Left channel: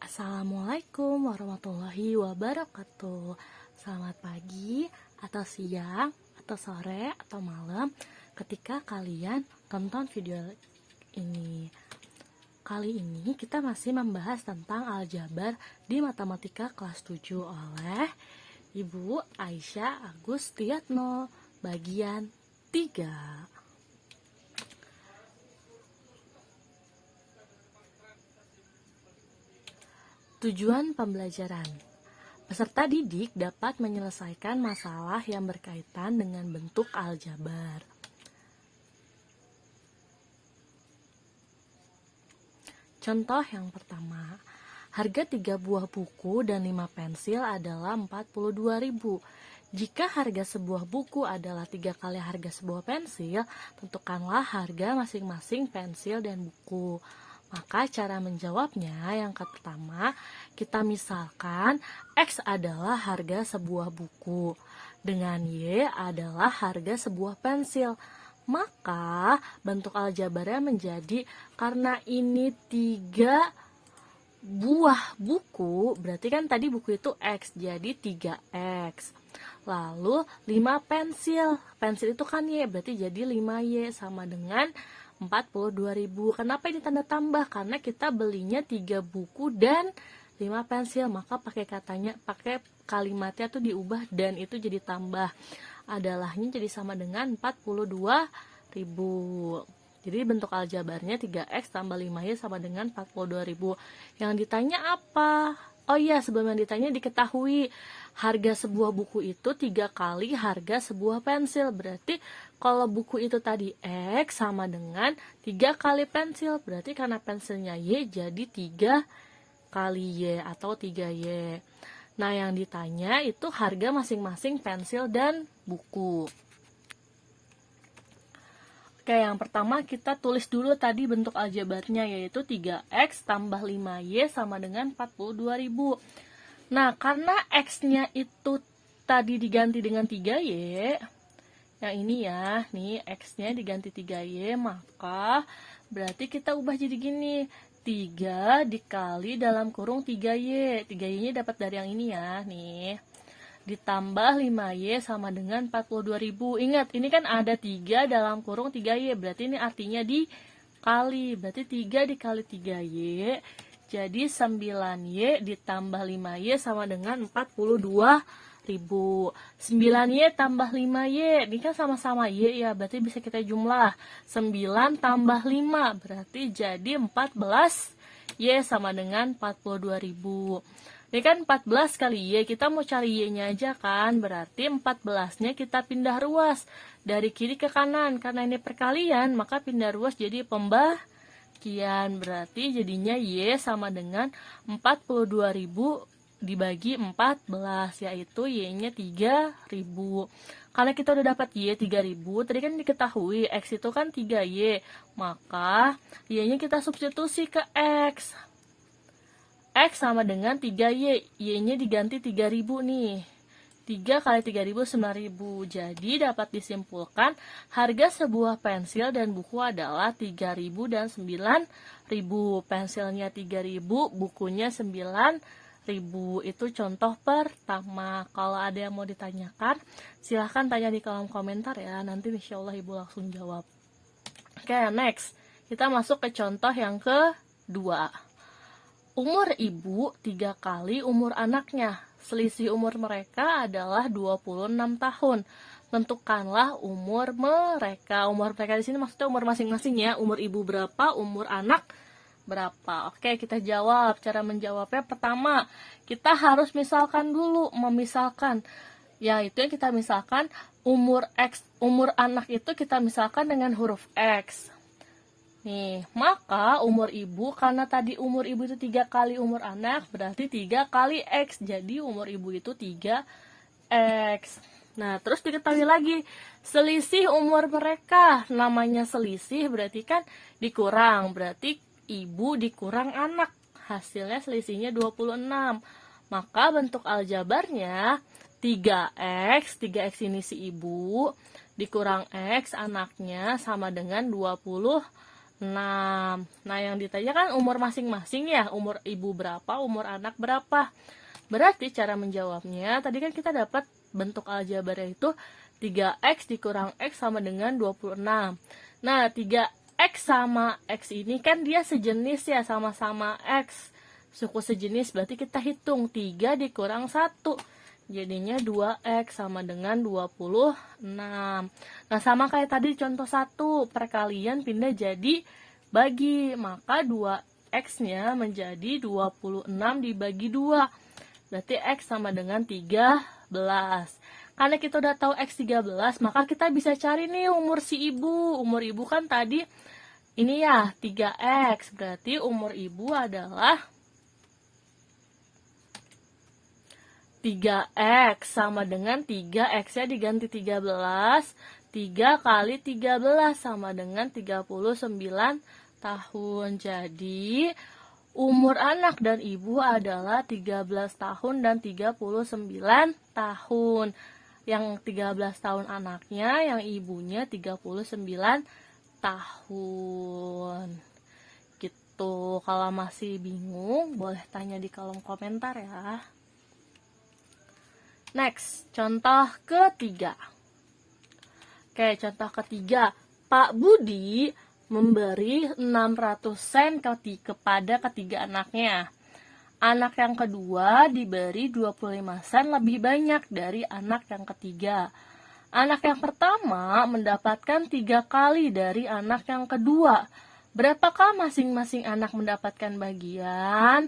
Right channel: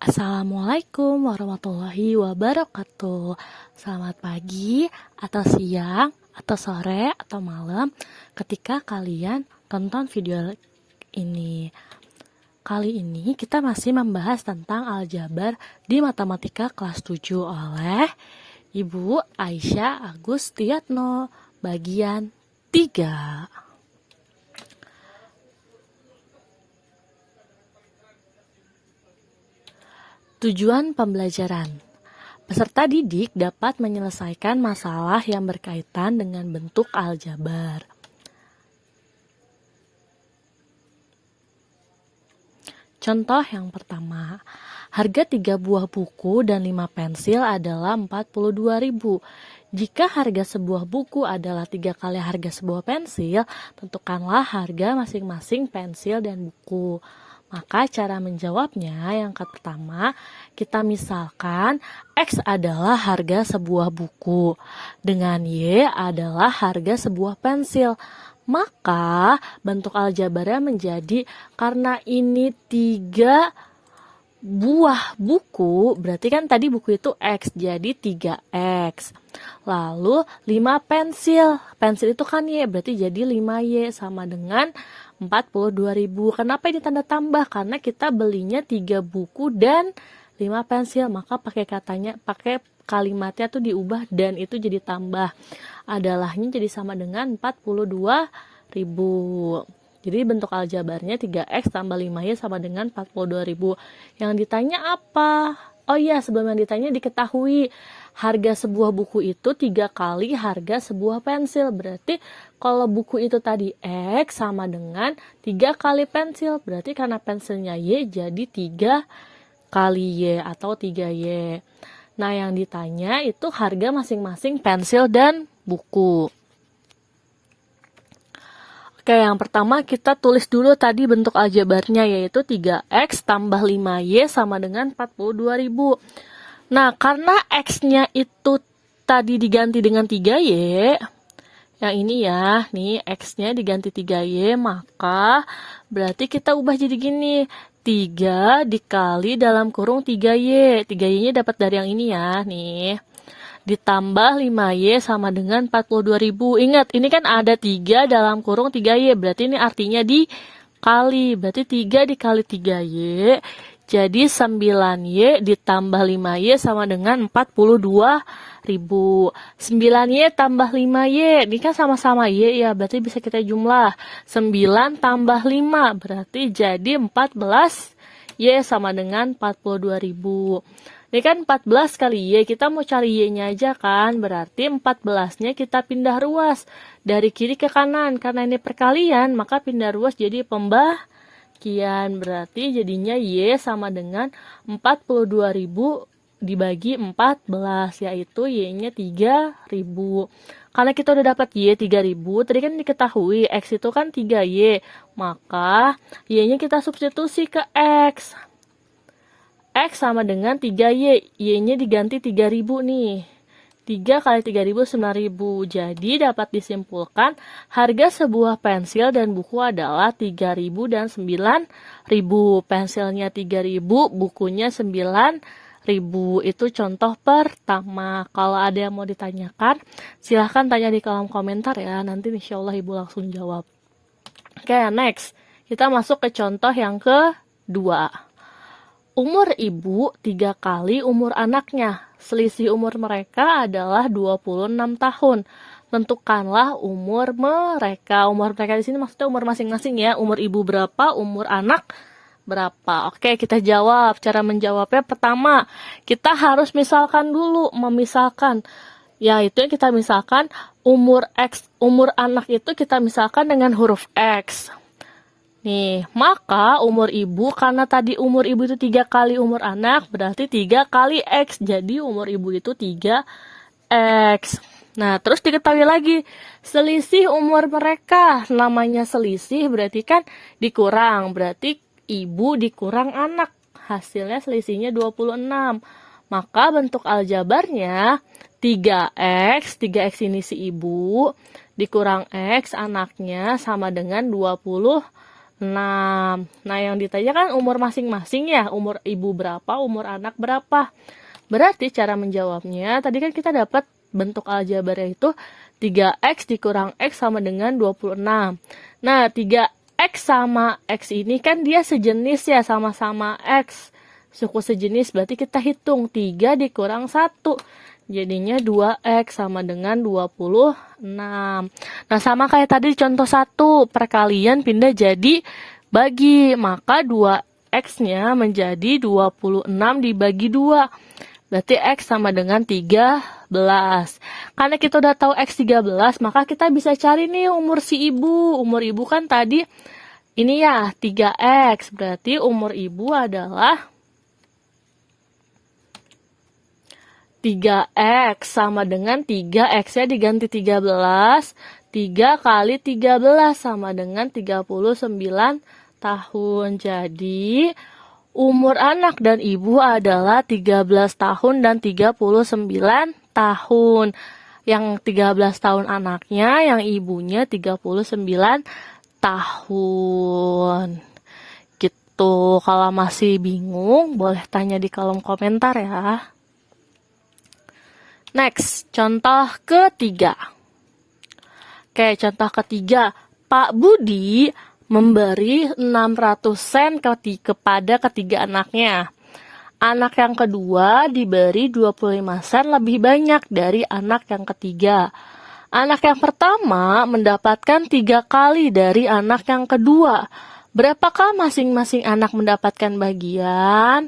Assalamualaikum warahmatullahi wabarakatuh. Selamat pagi, atau siang, atau sore, atau malam ketika kalian tonton video ini. Kali ini kita masih membahas tentang aljabar di matematika kelas 7 oleh Ibu Aisyah Agustiatno, bagian 3. Tujuan pembelajaran. Peserta didik dapat menyelesaikan masalah yang berkaitan dengan bentuk aljabar. Contoh yang pertama, harga 3 buah buku dan 5 pensil adalah 42.000. Jika harga sebuah buku adalah 3 kali harga sebuah pensil, tentukanlah harga masing-masing pensil dan buku. Maka cara menjawabnya yang pertama, kita misalkan X adalah harga sebuah buku, dengan Y adalah harga sebuah pensil. Maka bentuk aljabarnya menjadi, karena ini 3 buah buku, berarti kan tadi buku itu X, jadi 3X. Lalu 5 pensil, pensil itu kan Y, berarti jadi 5Y sama dengan 42.000. Kenapa ini tanda tambah? Karena kita belinya 3 buku dan 5 pensil, maka pakai kalimatnya tuh diubah dan itu jadi tambah. Adalahnya jadi sama dengan 42.000. Jadi bentuk aljabarnya 3X tambah 5Y sama dengan 42.000. Yang ditanya apa? Oh iya, sebelum yang ditanya diketahui harga sebuah buku itu 3 kali harga sebuah pensil. Berarti kalau buku itu tadi X sama dengan 3 kali pensil. Berarti karena pensilnya Y jadi 3 kali Y atau 3Y. Nah, yang ditanya itu harga masing-masing pensil dan buku. Oke, yang pertama kita tulis dulu tadi bentuk aljabarnya, yaitu 3X tambah 5Y sama dengan 42.000. Nah, karena X-nya itu tadi diganti dengan 3Y, yang ini ya, nih X-nya diganti 3Y, maka berarti kita ubah jadi gini, 3 dikali dalam kurung 3Y. 3Y-nya dapat dari yang ini ya, nih. Ditambah 5Y sama dengan 42.000. Ingat, ini kan ada 3 dalam kurung 3Y, berarti ini artinya dikali. Berarti 3 dikali 3Y, jadi 9Y ditambah 5Y sama dengan 42.000. 9Y tambah 5Y, ini kan sama-sama Y ya, berarti bisa kita jumlah. 9 tambah 5, berarti jadi 14Y sama dengan 42.000. Ini kan 14 kali Y, kita mau cari Y-nya aja kan, berarti 14-nya kita pindah ruas dari kiri ke kanan. Karena ini perkalian, maka pindah ruas jadi pembagian. Berarti jadinya Y sama dengan 42.000 dibagi 14, yaitu Y-nya 3.000. Karena kita udah dapat Y 3.000, tadi kan diketahui X itu kan 3Y, maka Y-nya kita substitusi ke X. X sama dengan 3Y, Y-nya diganti 3.000 nih. 3 kali 3.000, 9.000. Jadi dapat disimpulkan harga sebuah pensil dan buku adalah 3.000 dan 9.000. Pensilnya 3.000, bukunya 9.000. Itu contoh pertama. Kalau ada yang mau ditanyakan, silahkan tanya di kolom komentar ya. Nanti insya Allah Ibu langsung jawab. Oke, next. Kita masuk ke contoh yang kedua. Umur ibu 3 kali umur anaknya. Selisih umur mereka adalah 26 tahun. Tentukanlah umur mereka. Umur mereka di sini maksudnya umur masing-masing ya. Umur ibu berapa, umur anak berapa. Oke, kita jawab. Cara menjawabnya pertama, kita harus misalkan dulu, memisahkan. Yaitu yang kita misalkan umur X, umur anak itu kita misalkan dengan huruf X. Nih, maka umur ibu, karena tadi umur ibu itu 3 kali umur anak, berarti 3 kali X. Jadi umur ibu itu 3X. Nah, terus diketahui lagi, selisih umur mereka. Namanya selisih berarti kan dikurang. Berarti ibu dikurang anak. Hasilnya selisihnya 26. Maka bentuk aljabarnya 3X. 3X ini si ibu, dikurang X anaknya sama dengan 26. Nah, yang ditanya kan umur masing-masing ya, umur ibu berapa, umur anak berapa. Berarti cara menjawabnya, tadi kan kita dapat bentuk aljabarnya itu 3x dikurang x sama dengan 26. Nah, 3x sama x ini kan dia sejenis ya, sama-sama x. Suku sejenis, berarti kita hitung 3 dikurang 1. Jadinya 2x sama dengan 26. Nah, sama kayak tadi contoh 1, perkalian pindah jadi bagi. Maka 2x-nya menjadi 26 dibagi 2. Berarti x sama dengan 13. Karena kita udah tahu x 13, maka kita bisa cari nih umur si ibu. Umur ibu kan tadi ini ya 3x. Berarti umur ibu adalah 3x sama dengan 3x-nya diganti 13. 3 kali 13 sama dengan 39 tahun. Jadi, umur anak dan ibu adalah 13 tahun dan 39 tahun. Yang 13 tahun anaknya, yang ibunya 39 tahun. Gitu. Kalau masih bingung, boleh tanya di kolom komentar ya. Next, contoh ketiga. Oke, contoh ketiga. Pak Budi memberi 600 sen kepada ketiga anaknya. Anak yang kedua diberi 25 sen lebih banyak dari anak yang ketiga. Anak yang pertama mendapatkan 3 kali dari anak yang kedua. Berapakah masing-masing anak mendapatkan bagian?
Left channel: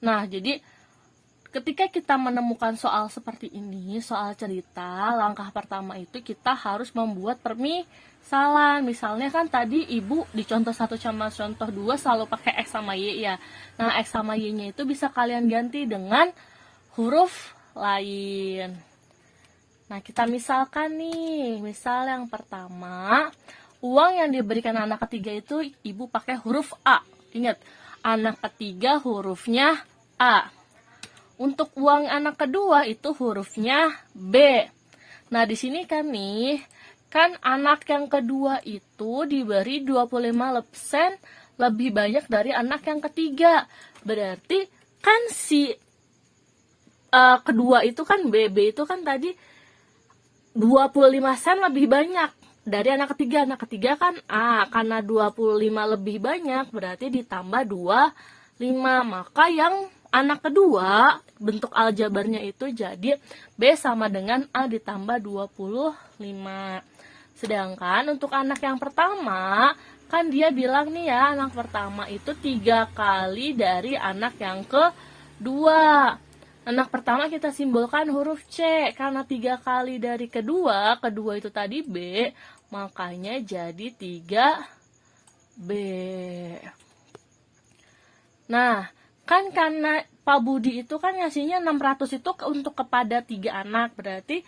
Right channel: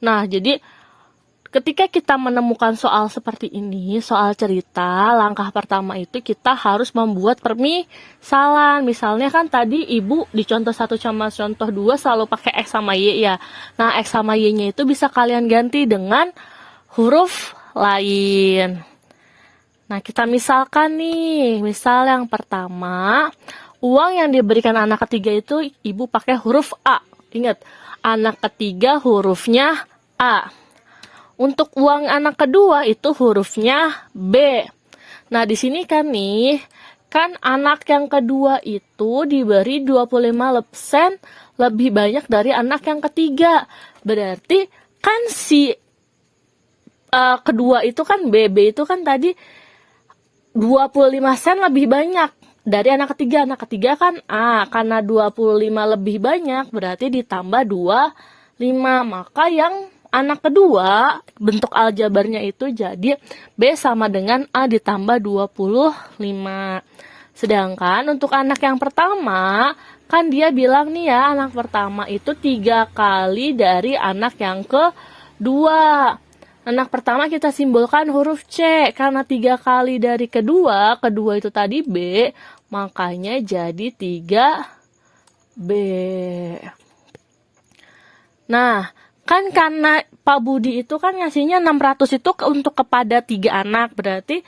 Nah, jadi ketika kita menemukan soal seperti ini, soal cerita, langkah pertama itu kita harus membuat permisalan. Misalnya kan tadi ibu di contoh 1 sama contoh 2 selalu pakai X sama Y ya. Nah, X sama Y-nya itu bisa kalian ganti dengan huruf lain. Nah, kita misalkan nih, misal yang pertama, uang yang diberikan anak ketiga itu ibu pakai huruf A. Ingat, anak ketiga hurufnya A. Untuk uang anak kedua itu hurufnya B. Nah, di sini kan nih, kan anak yang kedua itu diberi 25 sen lebih banyak dari anak yang ketiga. Berarti kan si kedua itu kan B itu kan tadi 25 sen lebih banyak dari anak ketiga. Anak ketiga kan A, karena 25 lebih banyak berarti ditambah 25. Maka yang anak kedua, bentuk aljabarnya itu jadi B sama dengan A ditambah 25. Sedangkan untuk anak yang pertama, kan dia bilang nih ya, anak pertama itu 3 kali dari anak yang kedua. Anak pertama kita simbolkan huruf C, karena 3 kali dari kedua itu tadi B, makanya jadi 3B. Nah, kan karena Pak Budi itu kan ngasihnya 600 itu untuk kepada 3 anak. Berarti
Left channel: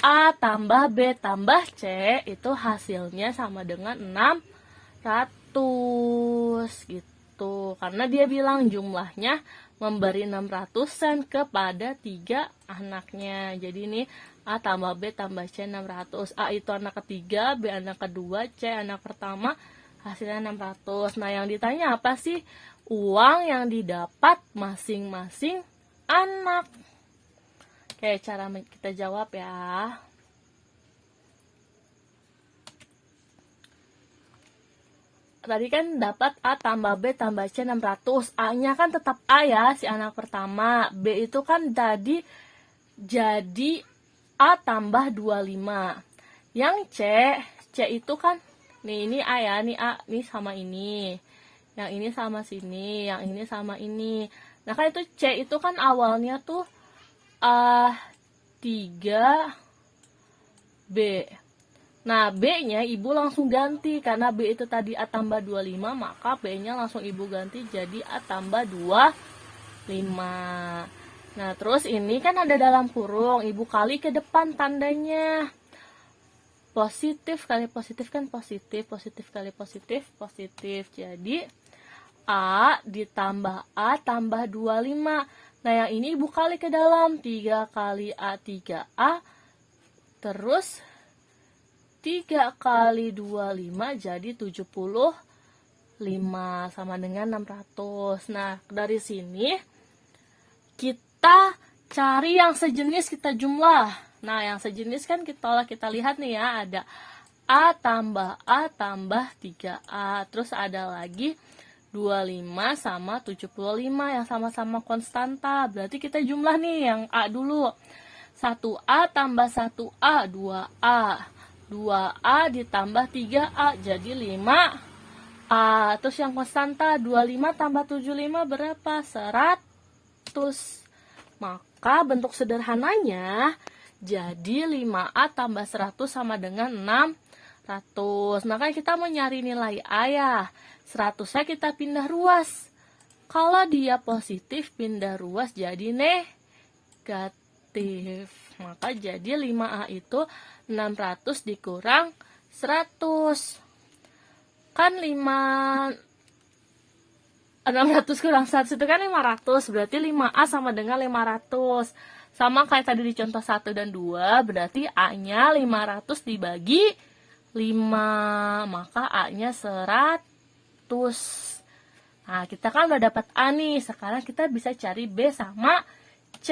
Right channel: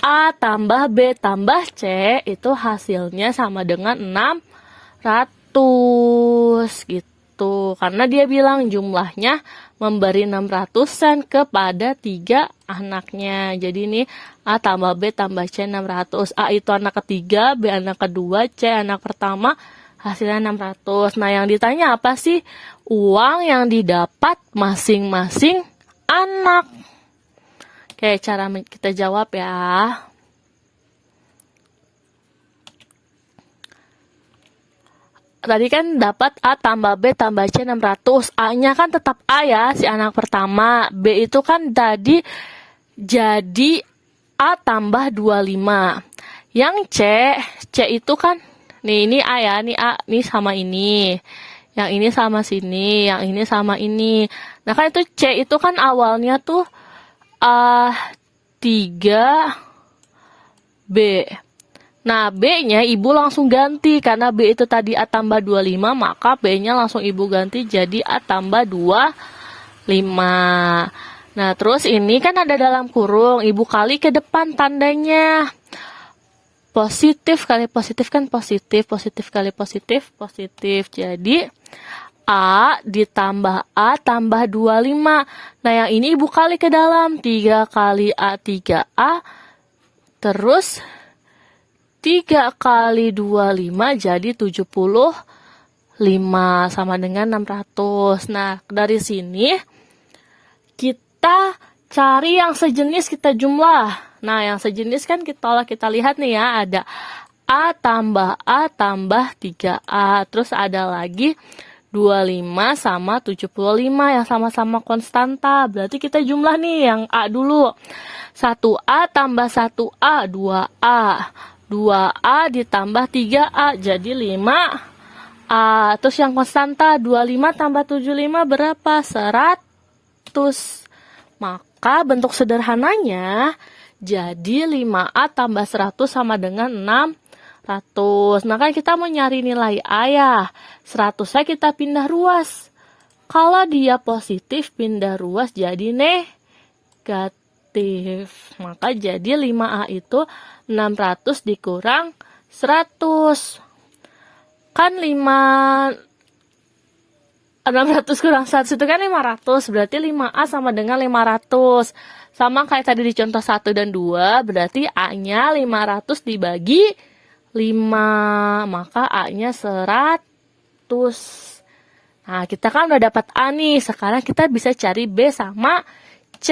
A tambah B tambah C itu hasilnya sama dengan 600 gitu. Karena dia bilang jumlahnya memberi 600 sen kepada 3 anaknya. Jadi ini A tambah B tambah C 600. A itu anak ketiga, B anak kedua, C anak pertama. Hasilnya 600. Nah, yang ditanya apa sih? Uang yang didapat masing-masing anak. Oke, cara kita jawab ya. Tadi kan dapat A tambah B tambah C 600. A-nya kan tetap A ya, si anak pertama. B itu kan tadi jadi A tambah 25. Yang C itu kan nih, ini A ya, ini A, ini sama ini. Yang ini sama sini, yang ini sama ini. Nah, kan itu C itu kan awalnya tuh 3B. Nah, B-nya ibu langsung ganti. Karena B itu tadi A tambah 25, maka B-nya langsung ibu ganti jadi A tambah 25. Nah, terus ini kan ada dalam kurung. Ibu kali ke depan tandanya. Positif kali positif kan positif, positif kali positif, positif. Jadi A ditambah A tambah 25. Nah, yang ini ibu kali ke dalam. 3 kali A 3A. Terus 3 kali 25 jadi 75. 5 sama dengan 600. Nah, dari sini kita cari yang sejenis, kita jumlah. Nah, yang sejenis kan kalau kita lihat nih ya, ada A tambah 3A. Terus ada lagi 25 sama 75 yang sama-sama konstanta. Berarti kita jumlah nih yang A dulu. 1A tambah 1A, 2A. 2A ditambah 3A, jadi 5A. Terus yang konstanta, 25 tambah 75 berapa? 100. Maka bentuk sederhananya, jadi 5A tambah 100 sama dengan 600. Nah kan kita mau nyari nilai A ya. 100-nya kita pindah ruas. Kalau dia positif, pindah ruas jadi negatif. Maka jadi 5A itu 600 dikurang 100. Kan 600 kurang 100 itu kan 500. Berarti 5A sama dengan 500. Sama kayak tadi di contoh 1 dan 2. Berarti A-nya 500 dibagi 5. Maka A-nya 100. Nah, kita kan udah dapat A nih. Sekarang kita bisa cari B sama C.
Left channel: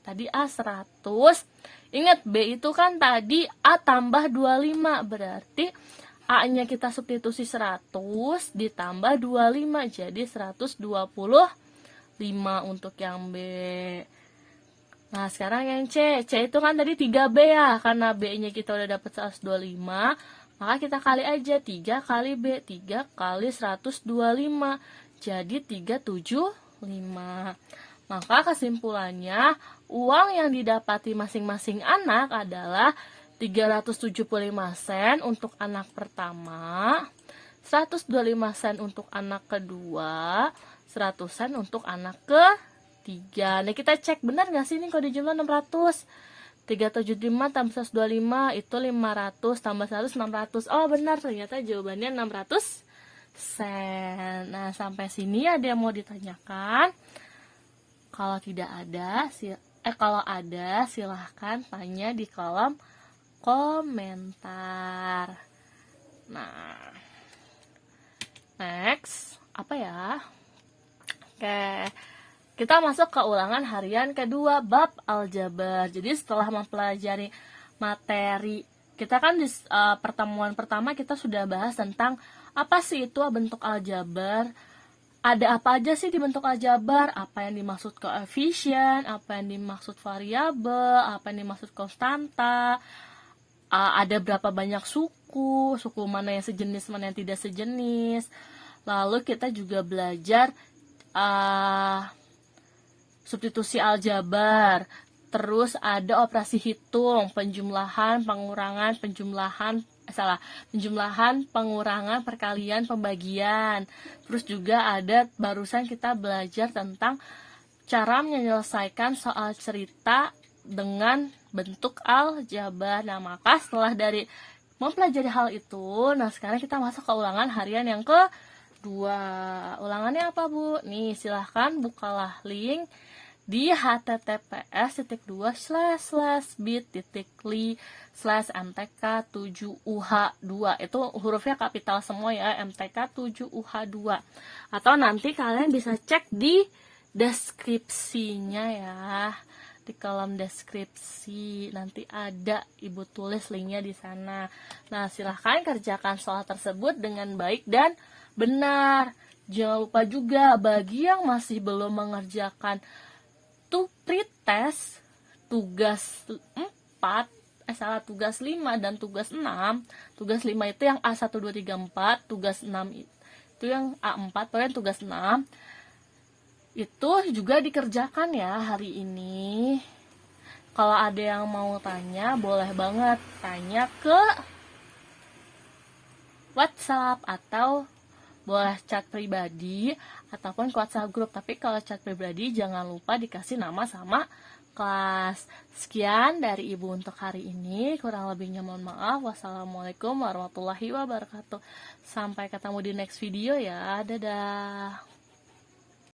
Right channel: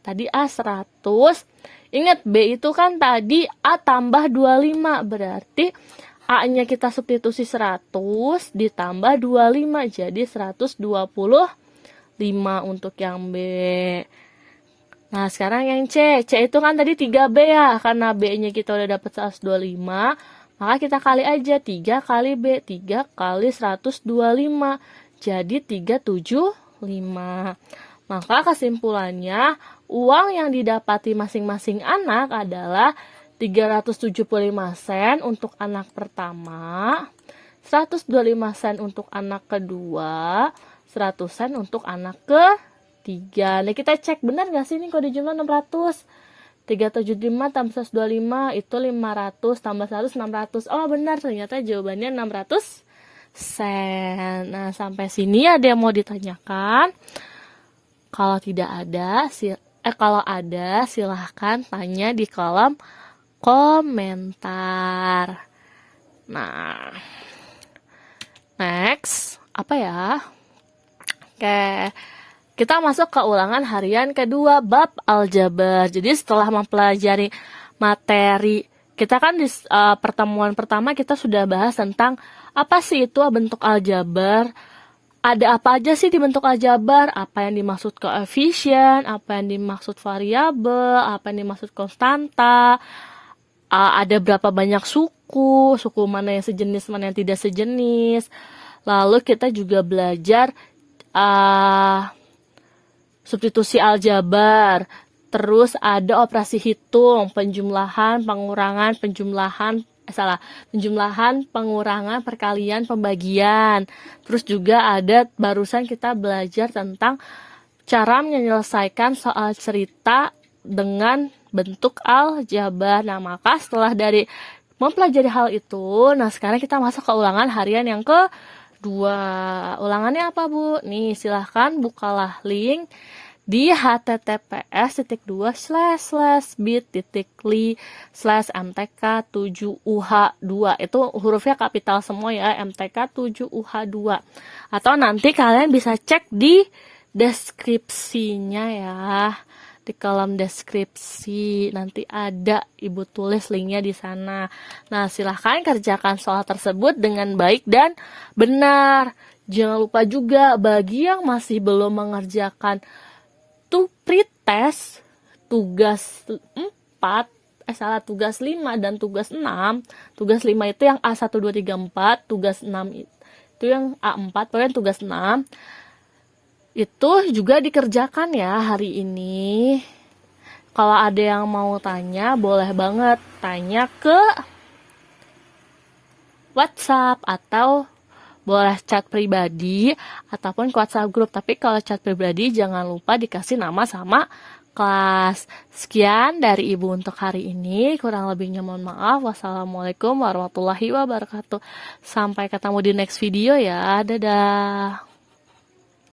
Tadi A 100. Ingat, B itu kan tadi A tambah 25. Berarti A-nya kita substitusi 100 ditambah 25. Jadi 125 untuk yang B. Nah, sekarang yang C. C itu kan tadi 3B ya. Karena B-nya kita udah dapat 125. Maka kita kali aja 3 kali B. 3 kali 125. Jadi 375. Maka kesimpulannya, uang yang didapati masing-masing anak adalah 375 sen untuk anak pertama, 125 sen untuk anak kedua, 100 sen untuk anak ketiga. Nah, kita cek benar nggak sih ini kalau dijumlah 600? 375 tambah 125 itu 500 tambah 100 600. Oh benar, ternyata jawabannya 600 sen. Nah, sampai sini ada yang mau ditanyakan? Kalau tidak ada, kalau ada silahkan tanya di kolom komentar. Nah, next apa ya? Oke, kita masuk ke ulangan harian kedua bab aljabar. Jadi setelah mempelajari materi, kita kan di pertemuan pertama kita sudah bahas tentang apa sih itu bentuk aljabar. Ada apa aja sih di bentuk aljabar? Apa yang dimaksud koefisien, apa yang dimaksud variabel, apa yang dimaksud konstanta, ada berapa banyak suku mana yang sejenis, mana yang tidak sejenis. Lalu kita juga belajar substitusi aljabar. Terus ada operasi hitung, penjumlahan, pengurangan, penjumlahan, pengurangan, perkalian, pembagian. Terus juga ada barusan kita belajar tentang cara menyelesaikan soal cerita dengan bentuk aljabar. Nah, maka setelah dari mempelajari hal itu, nah sekarang kita masuk ke ulangan harian yang kedua. Ulangannya apa, Bu? Nih, silahkan bukalah link di https://bit.ly/mtk7uh2. Itu hurufnya kapital semua ya, mtk7uh2. Atau nanti kalian bisa cek di deskripsinya ya. Di kolom deskripsi nanti ada Ibu tulis linknya di sana. Nah, silahkan kerjakan soal tersebut dengan baik dan benar. Jangan lupa juga bagi yang masih belum mengerjakan pretest tugas 5 dan tugas 6. Tugas 5 itu yang A1 2 3 4, tugas 6 itu yang A4, pokoknya tugas 6. Itu juga dikerjakan ya hari ini. Kalau ada yang mau tanya, boleh banget tanya ke WhatsApp atau boleh chat pribadi ataupun ke WhatsApp grup. Tapi kalau chat pribadi jangan lupa dikasih nama sama kelas. Sekian dari Ibu untuk hari ini. Kurang lebihnya mohon maaf. Wassalamualaikum warahmatullahi wabarakatuh. Sampai ketemu di next video ya. Dadah.